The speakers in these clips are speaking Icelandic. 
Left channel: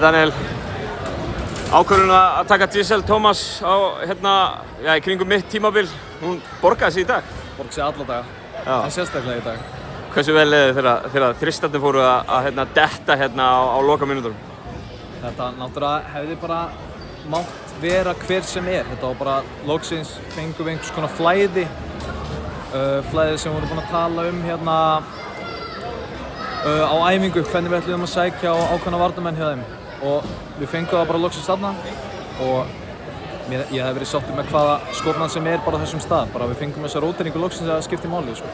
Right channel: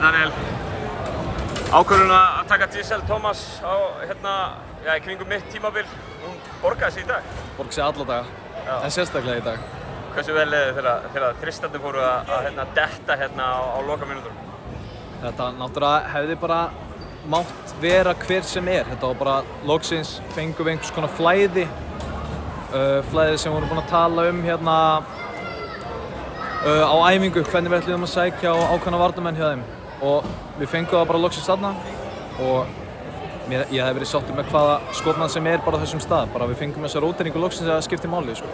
Daniel, ákvörðun að taka Giselle Thomas á í kringum mitt tímabil, hún borgaði sig í dag? Borgaði sig alla daga, en sérstaklega í dag. Hversu vel leiði þegar þristandi fóru að detta á lokamínútunum? Þetta náttúrulega hefði bara mátt vera hver sem Þetta var bara loksins fengum við einhvers konar flæði. Flæði sem við vorum búin að tala á æfingu, hvernig við ætluðum að sækja á ákveðna varnarmenn hjá þeim. Og við fengum það bara loksins þarna og ég hef verið sáttur með hvaða skotnað sem bara á þessum stað. Bara við fengum þessa róteringu loksins að það skipti máli, sko.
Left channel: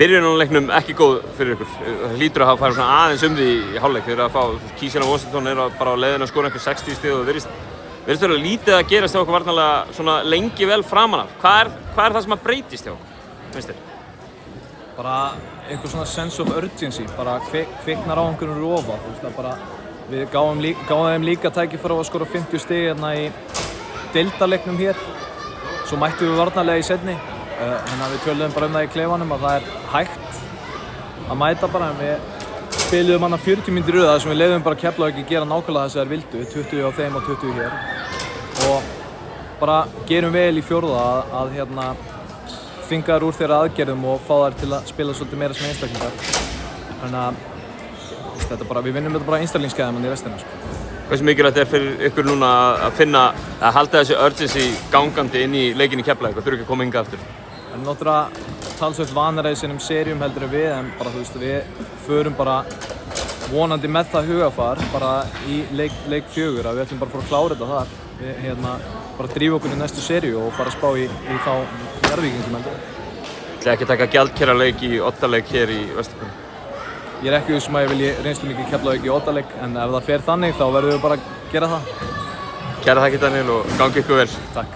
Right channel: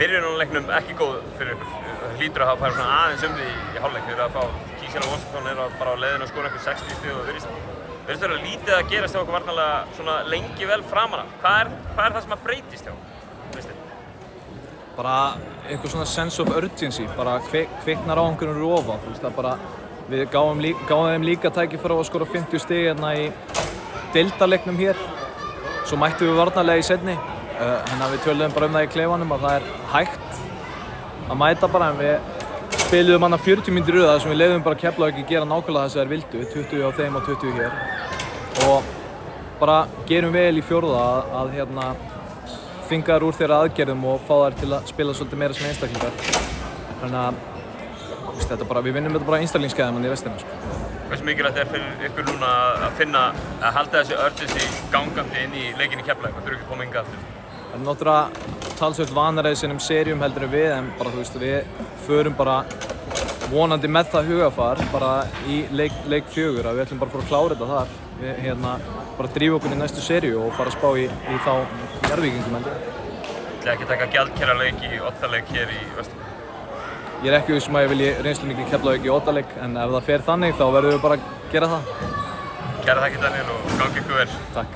Byrjunin á leiknum ekki góð fyrir ykkur. Það hlýtur að hafa farið aðeins því í hálfleik. Þeir eru að fá Kísir og Washington bara á leiðinu að skora einhver 60 stig og virðist vera lítið að gerast hjá okkur varnarlega svona lengi vel framan af. Hvað er það sem að breytist hjá okkur, finnst þér? Bara eitthvað svona sense of urgency, bara kviknar á einhverjum rofa, þú veist, bara við gáum þeim líka tækifæri á að skora 50 stig í deildarleiknum hér. Svo mættum við varnarlega í seinni. Við töluðum bara það í klefanum að það er hægt að mæta bara, en við spiluðum 40 mínútur í röð þar sem við leyfðum bara Keflavík að gera nákvæmlega það sem þær vildu, 20 á þeim og 20 hér. Og bara gerum vel í fjórða að þvinga þær úr þeirra aðgerðum og fá þær til að spila svolítið meira sem einstaklingar. Þannig að við vinnum þetta bara einstaklingsgæðum í restina, sko. Hversu mikilvægt fyrir ykkur núna að halda þessi urgency gangandi inn í leikinn í Keflavík og þurfa ekki að koma hingað aftur? Það er náttúrulega talsvert vanari í þessum seríum heldur en við, en bara við förum bara vonandi með það hugafar bara í leik 4 að við ætlum bara að fara að klára þetta þar. Við bara drífa okkur í næstu seríu og fara að spá í þá Njarðvíkingum heldur. Það ekki taka gjaldkerraleik í oddaleik hér í Vesturbænum? Ég er ekki viss að ég vilji reynslumikið Keflavík í oddaleik, en ef það fer þannig þá verðum við bara að gera það. Kæra þakkir Daniel og gangi ykkur vel. Takk.